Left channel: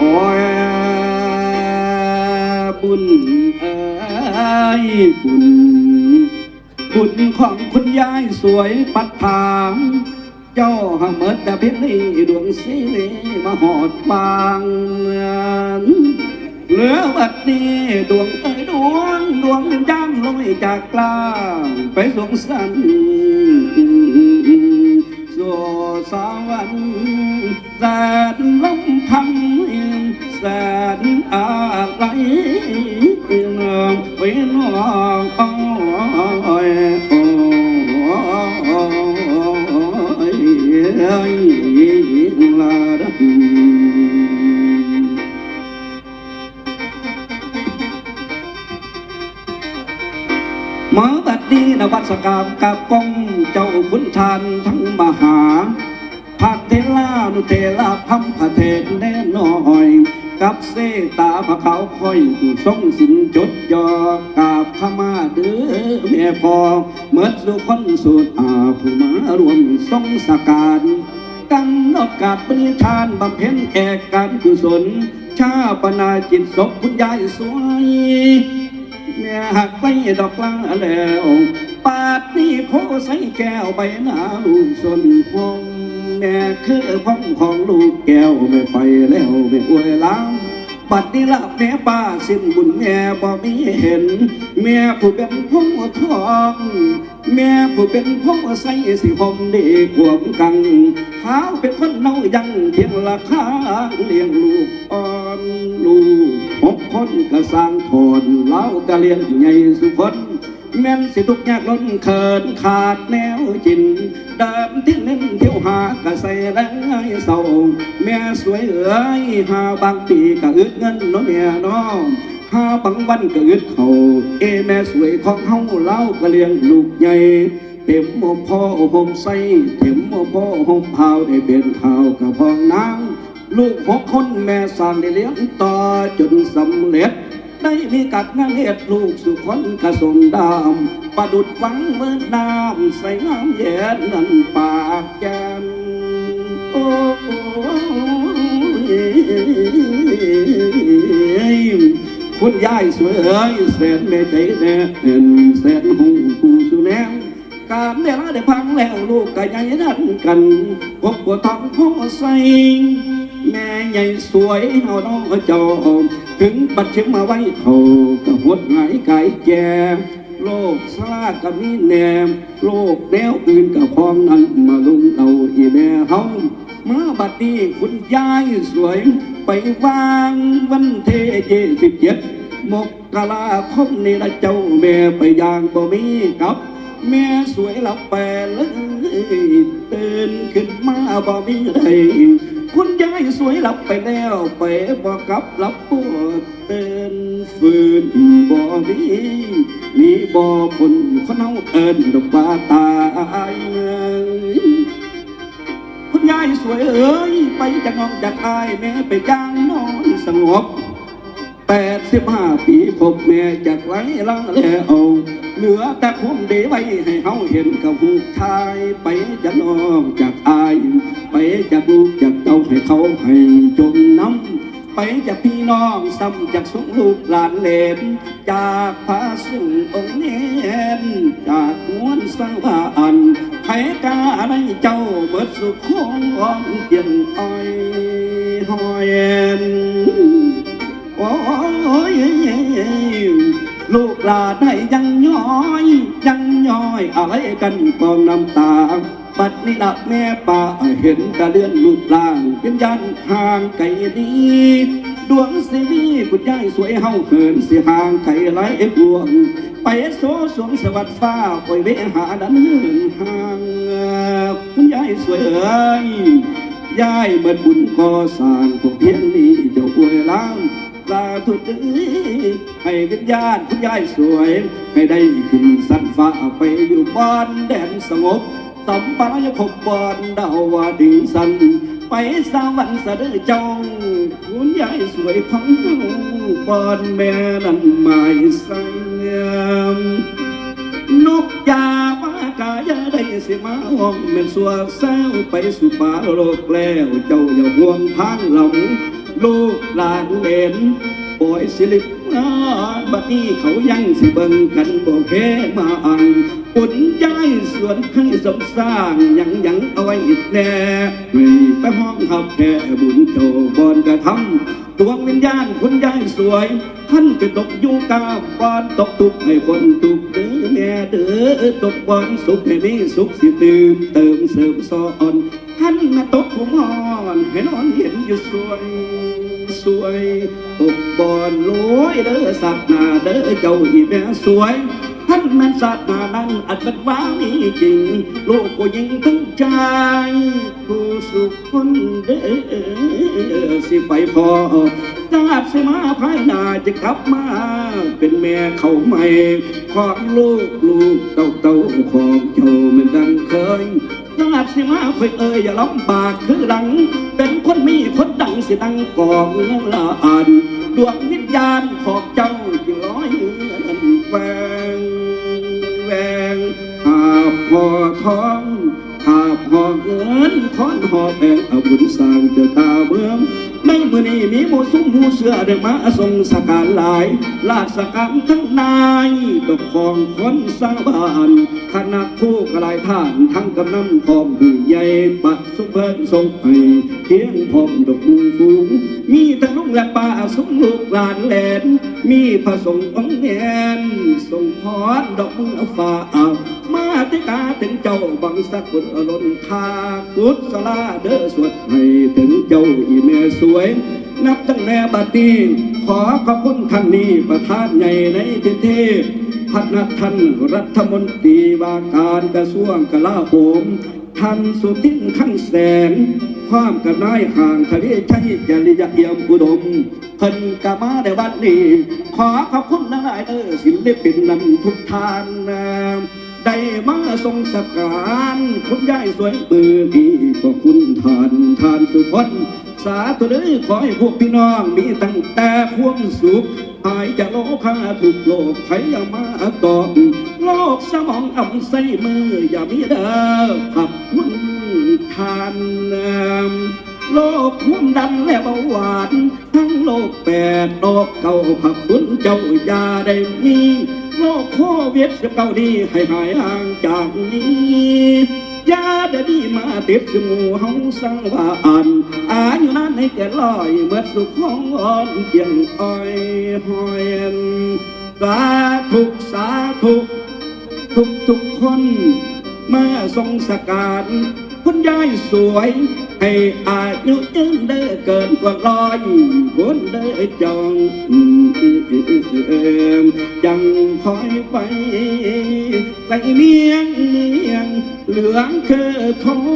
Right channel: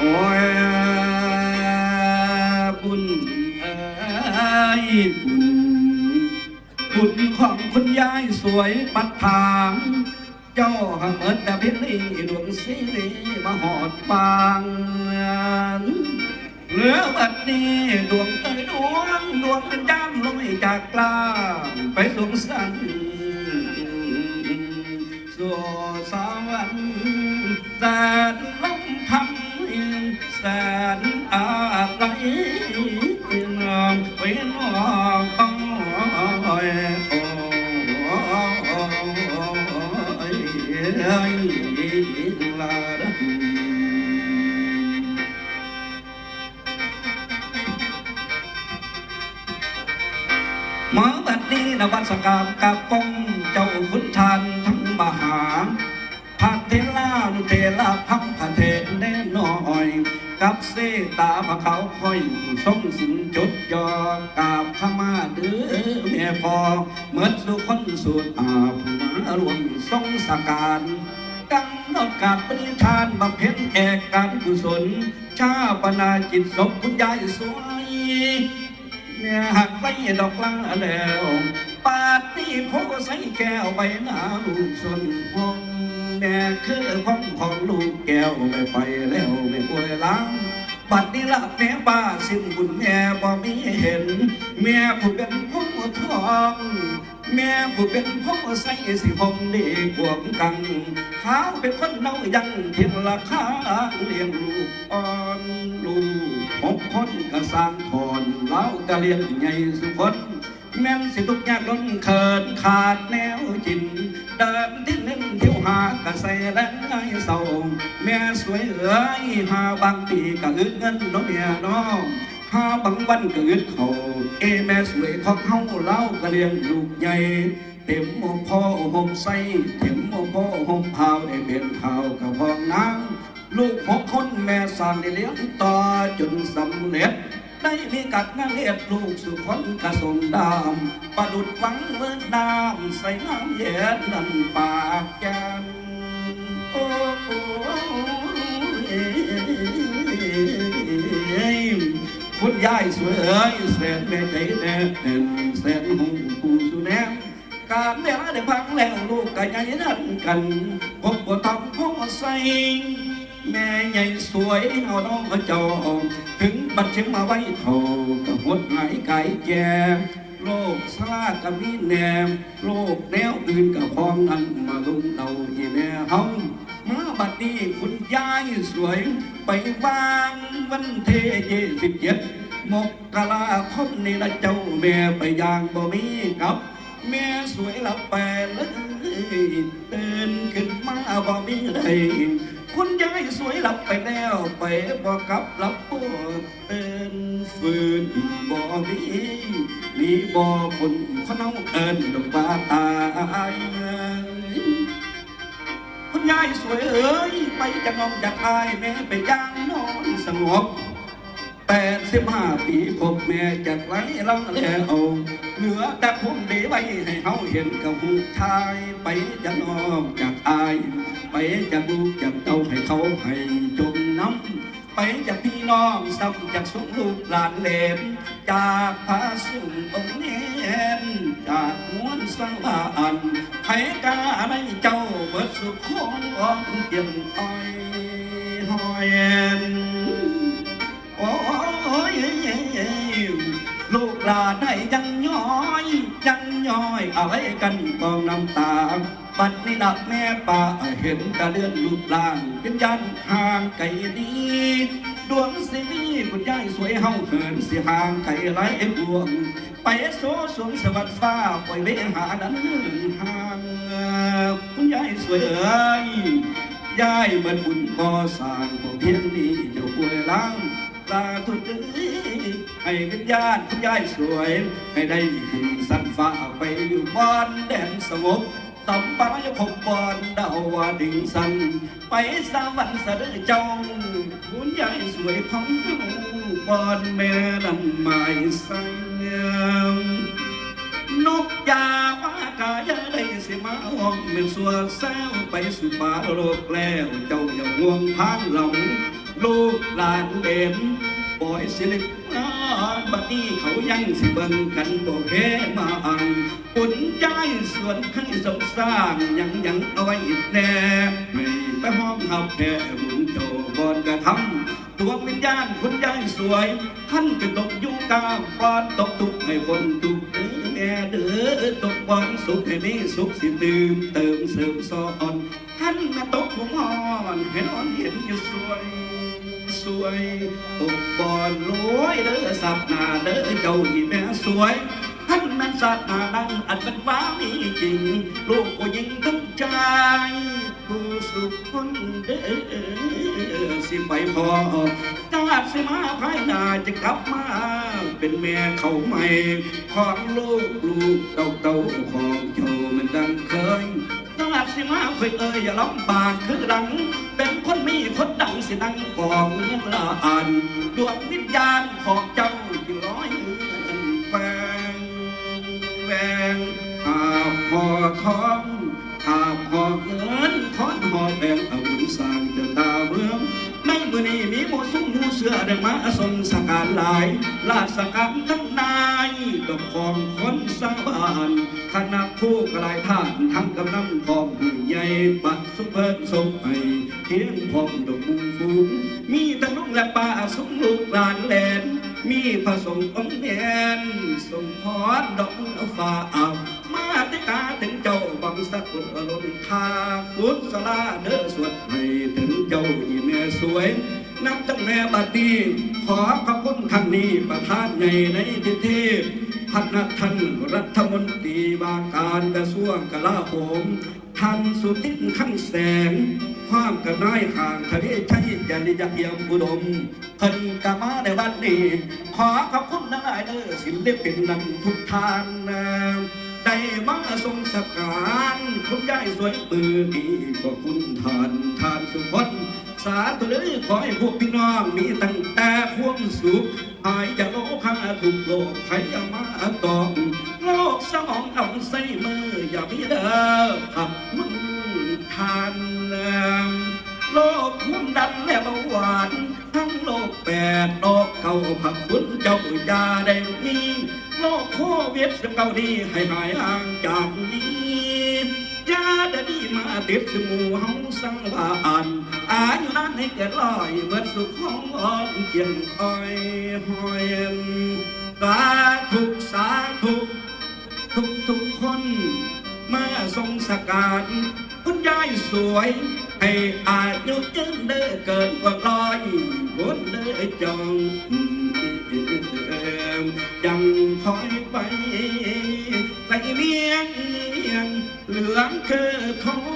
อบุญเอ้ยบุญบุญของคุณยายสวยปัดทางเจ้าหำเมิดดาพิลีดวงสีมาหอดฟางเหลือบัดนี้ดวงเอ้ยดวงดวงจังลอยจากกลางไปสวงสัน มาบัดนี้นวัสกามกับกองเจ้าขุนชานทั้งมหาพักเทลานุเทลาพัมพระเทศแน่น้อย กับเสตาพระเขาวคอยผู้ทรงสินจดยอกาบขมาเดือแม่พอเมื่อสุคนสุดอาผู้มารวมทรงสการกำหนดกับปริชานบำเพ็ญแอกการกุศล ชาปนาจิตศพคุณยายสวยแม่หัก ไปดอกลาแล้วปาดนี่โคใส่แก้วใบหนาลูกสนพงแม่คือพ่องของลูกแก้วไม่ไปแล้วไม่อวยล้างบัดนี้ละแม่ป้าสิ้นบุญแม่บ่มีเห็น แม่ผู้เป็นพ่อทองแม่ผู้เป็นพ่อใส่สิหอมดีขวมกันข้าเป็นคนน่ายังเพียงราคางเลี้ยงลูกอ่อ หกคนก็สร้างทนเล่าก็เลียงใหญ่สุคนแม่นสิทุกแยกล้นเขินขาดแนวจินเดินที่หนึ่งเที่ยวหากระใส่แรงไอ้เศร้าแม่สวยเอ๋ยหาบางปีก็อึดเงินน้องแม่น้องหาบางวันก็อึดเขาเอแม่สวยของเฮาเล่าก็เลียงลูกใหญ่ เต็มโมพ่อห่มใส่เต็มโมพ่อห่มเผาได้เป็นเผากับพองน้ำลูกหกคนแม่สร้างได้เลี้ยงต่อจนสำเร็จได้มีกัดงานเลียดลูกสุขวัญกระสงดามประดุดฟังเมื่อน้ำใส่น้ำเย็นนั่นปากยันโอ้คุณยายสวยเอ้ยแสนแม่ใจแน่เห็นแสนหูผู้สุแนงามเดี๋ยวได้พังแล้วลูกก็ยังดันกันพบว่าทำข้อใส่แม่ใหญ่สวยเอาน้องเจ้าถึงบัดเชิงมาไว้เท่าก็หดหายไก่แก่โลกสลาก็มีแนมโลกแนวอื่นก็พองนั้นมาลุนเอาอีแม่เฮาเมื่อบัดนี้คุณยายสวยไปวางวันเทเจสิบเจ็ดมกราคมนี่ละเจ้าแม่ไปยางบ่มีกับ แม่สวยหลับแปลเลยตื่นขึ้นมาบ่มีเลยคุณยายสวยหลับไปแล้วไปบ่กลับหลับปวดเต้นฝืนบ่มีมีบ่คนเขาเนาเอินดอกบาตายคุณยายสวยเอ้ยไปจากน้องจากอายแม่ไปย่างนอนสงบ แปดสิบห้าปีพบแม่จากไว้ลังแล้วเหลือแต่คงเดไว้ให้เขาเห็นกับผู้ชายไปจะนอกจากอาย ไปจากลูกจากเต้าให้เขาให้จมน้ำไปจากพี่น้องซ้ำจากสุลูกหลานเลนจากพระสุองค์เนนจากมวลสวรรค์ อยอาให้กันกองน้ำตาปัดนี้ดักแม่ป่าเห็นกระเลื่อนลูกลางเป็นยันห่างไกลดีดวงสีนี้คุณยายสวยเฮาเขินสิห่างไกลหลายดวงไปโซสวงสวัสดิ์ฟ้าปล่อยเวหาดันห่างคุณยายสวยเอ้ยยายเบิดบุญก่อสร้างพวกเพียงนี้เจ้าอวยล้าง ลาทุกทีให้วิญญาณคุณยายสวย ให้ได้ขึ้นสันฟ้าไปอยู่บ้านแดนสงบตำปายพบบอนดาววาดิงสัน ไปสวรรค์สะดือเจ้าคุณยายสวยของบ้านแม่นั้นหมายสังงามนกยาปากายาได้สิมาห้องเป็นสัวแซวไปสู่ป่าโลกแล้วเจ้าอย่าห่วงทางหลง ลูกหลานเห็นปล่อยสิลิกนาบัดนี้เขายังสิเบิ่งกันบ่แค่มาอันปุ่นย้ายส่วนให้สมสร้างยังยังเอาไว้อีกแน่รีไปห้องหับแค่บุญโตบอนกระทำดววิญญาณคนย้ายสวย ท่านก็ตกอยู่กาบานตกทุกให้คนทุกเด้อแม่เด้อตกบอนสุขให้นี้สุขสิตื่นเติมเสริมซ้อนท่านมาตกหัวมอนให้นอนเห็นอยู่สวย สวยตกบอนโลยเด้อสัตว์หนาเด้อเจ้าอีแม่สวยท่านแม่นสัตว์หนานั้นอันเป็นว้านี่จริงลูกก็ยิงทั้งใจผู้สุขคนเด้อสิไปพอตาดสมาภายหน้าจะกลับมาเป็นแม่เขาใหม่ของลูกลูกเต่าเต่าของเจ้ามือนดังเคย ยาติสิมาเพื่อเอ่ยอย่าลำบากคือหลัง เป็นคนมีคนดังสิตั้งกองละอ่านดวงวิญญาณขอบเจ้าจึงร้อยเงินแหวงแหวงหาพอท้องหาพอเงินทอนหอแองเอาบุญสร้างเจ้าตาเมือง นี้มีหมูซุ้มหมูเสือได้มาทรงสการหลาย ลาสกรรมทั้งนายตกของคนสร้าบานคณะผู้กลายท่านทั้งกำนันพร้อมหือใหญ่ปัดสุเบินทรงให้เทียงพร้อมดอกมือฟูงมีทั้งลุงและป้าสมลูกหลานแหลน มีพระสงฆ์องค์แนนส่งพรดอกมือฟ้าเอามาติกาถึงเจ้าบังสกุลอลนทากุศลาเด้อสวดให้ถึงเจ้าอีแม่สวย นับตั้งแต่บัดนี้ขอขอบคุณท่านนี้ประธานใหญ่ในประเทศท่านท่านรัฐมนตรีว่าการกระทรวงกลาโหมท่านสุทินทั้งแสงความกับนายห่างทะเลชัยยริยเอี่ยมอุดมเพิ่นกมาในวันนี้ ขอขอบคุณนักหลายเด้อศิลปินนำทุกท่านนะ มาทรงสักการคุณยายสวยปือดีขอบคุณท่านท่านทุกคนสาธุเลยขอให้พวกพี่น้องมีตั้งแต่ความสุขหายจากโลกาทุกโลกใครอย่ามาตอบโลกสมองอ่ำใส่มืออย่ามีเด้อขับคุณทานโลกคุ้มดันและเบาหวานทั้งโลกแปดโลกเก่าขับคุณเจ้าอย่าได้มี โลกโควิดเก่าดีให้หายห่างจากนี้ยาเดดีมาติดสมูห้องสังวานอายุนั้นให้แก่ลอยเมื่อสุขของอ่อนเจียงอ้อยหอยสาธุสาธุทุกทุกคนมาทรงสการคุณยายสวยให้อายุยืนได้เกินกว่าร้อยคนได้จอ ไปใส่เมียงเมียงเหลืองคือทอง